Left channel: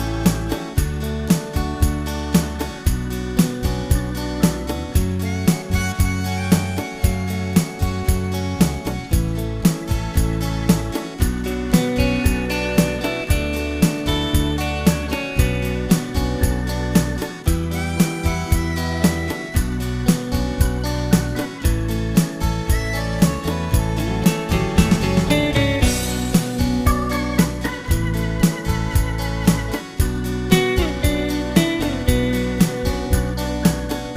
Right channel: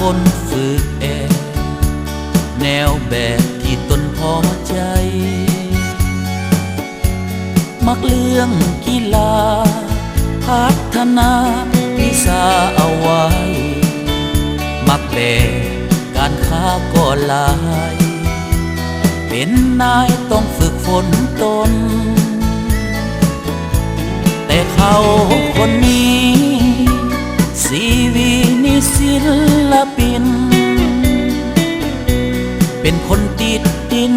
คนฝึกแนวแบบที่ตนพอใจมักเรื่องกีฬาพัฒนาวิชาเอาไว้มักแบบการค้าก็หลายเป็นนายต้องฝึกฝนตนแต่เขาคนนี้ชีวิตนี่ศิลปินเป็นคนติดดิน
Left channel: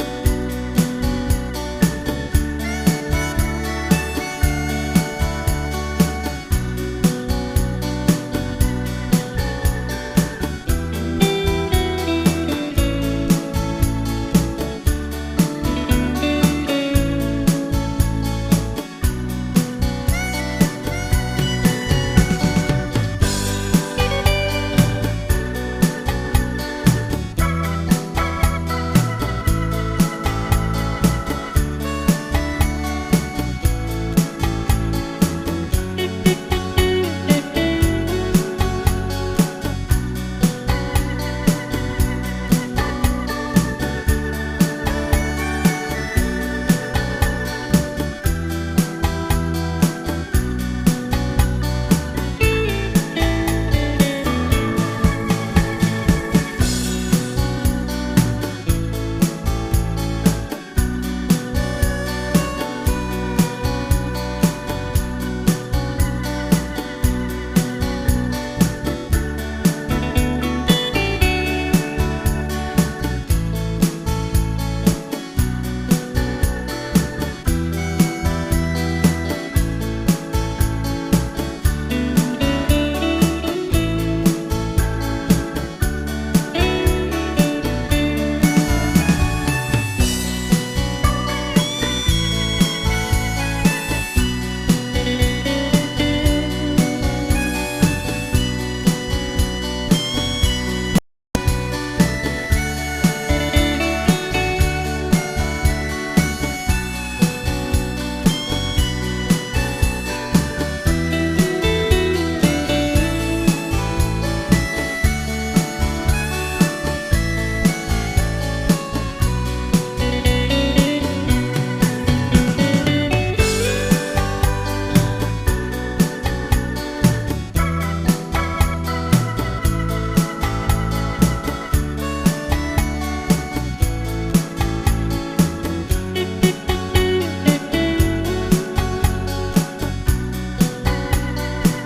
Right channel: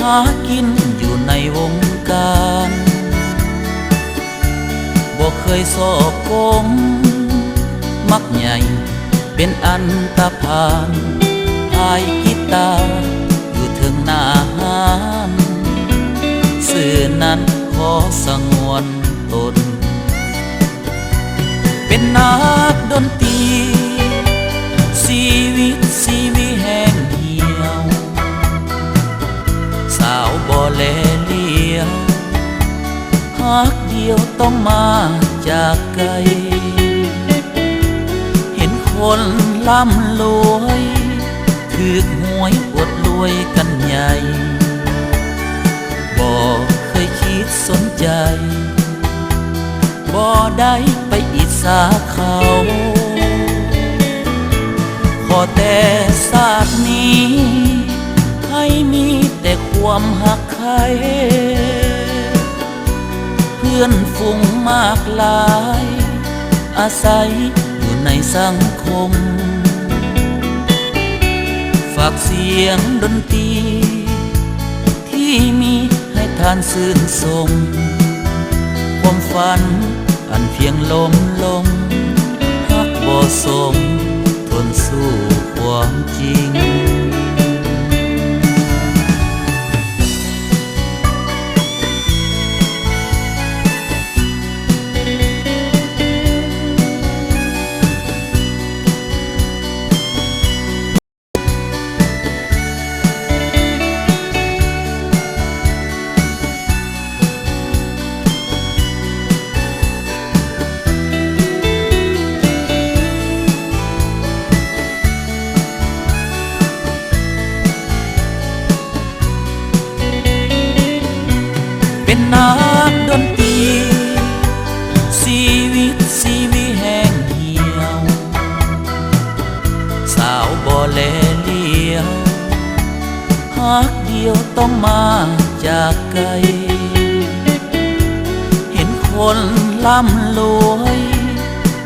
หากินอยู่ในวงการบ่เคยสอบกมมักใหญ่เป็นอันตพานพายกีตาร์อยู่ถึงหน้าห้านสื่อนั้นขอสงวนตนเป็นนักดนตรีชีวิตแห้งเหี่ยวสาวบ่แลเลี้ยวฮักเดียวต้องมาจากไกลเห็นคนร่ำรวยถูกหวยอวดรวยกันใหญ่บ่เคยคิดสนใจบ่ได้ไปอิจฉาเขาขอแต่ชาตินี้ให้มีแต่ความหักใครเพื่อนฝูงมากลายอาศัยอยู่ในสังคมฝากเสียงดนตรีที่มีให้ท่านชื่นชมความฝันอันเพียงลมฮักบ่สมทนสู้ความจริงเป็นนักดนตรีชีวิตแห้งเหี่ยวสาวบ่แลเลี้ยวฮักเดียวต้องมาจากไกลเห็นคนร่ำรวย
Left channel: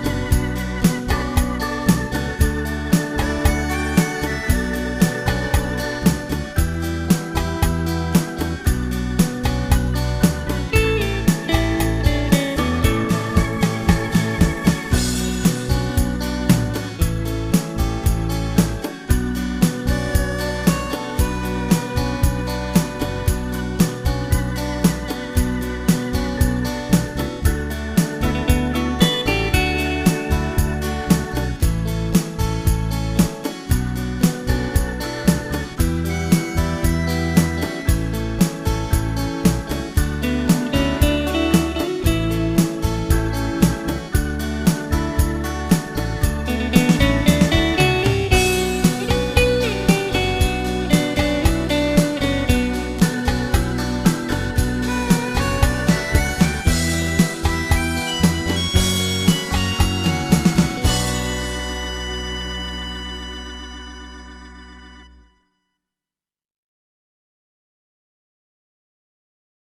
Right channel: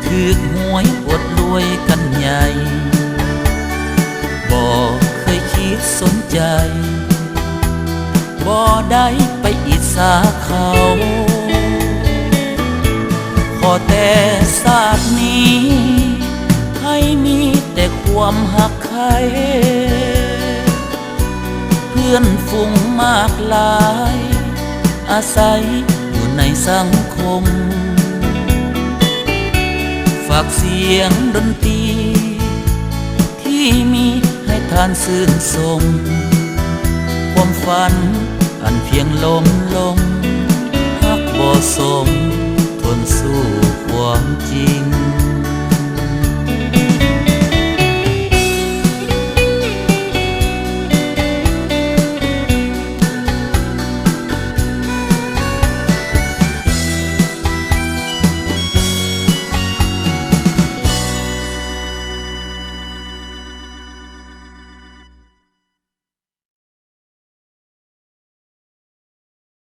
ถูกหวยอวดรวยกันใหญ่บ่เคยคิดสนใจบ่ได้ไปอิจฉาเขาขอแต่ชาตินี้ให้มีแต่ความหักใครเพื่อนฝูงมากลายอาศัยอยู่ในสังคมฝากเสียงดนตรีที่มีให้ท่านชื่นชมความฝันอันเพียงลมฮักบ่สม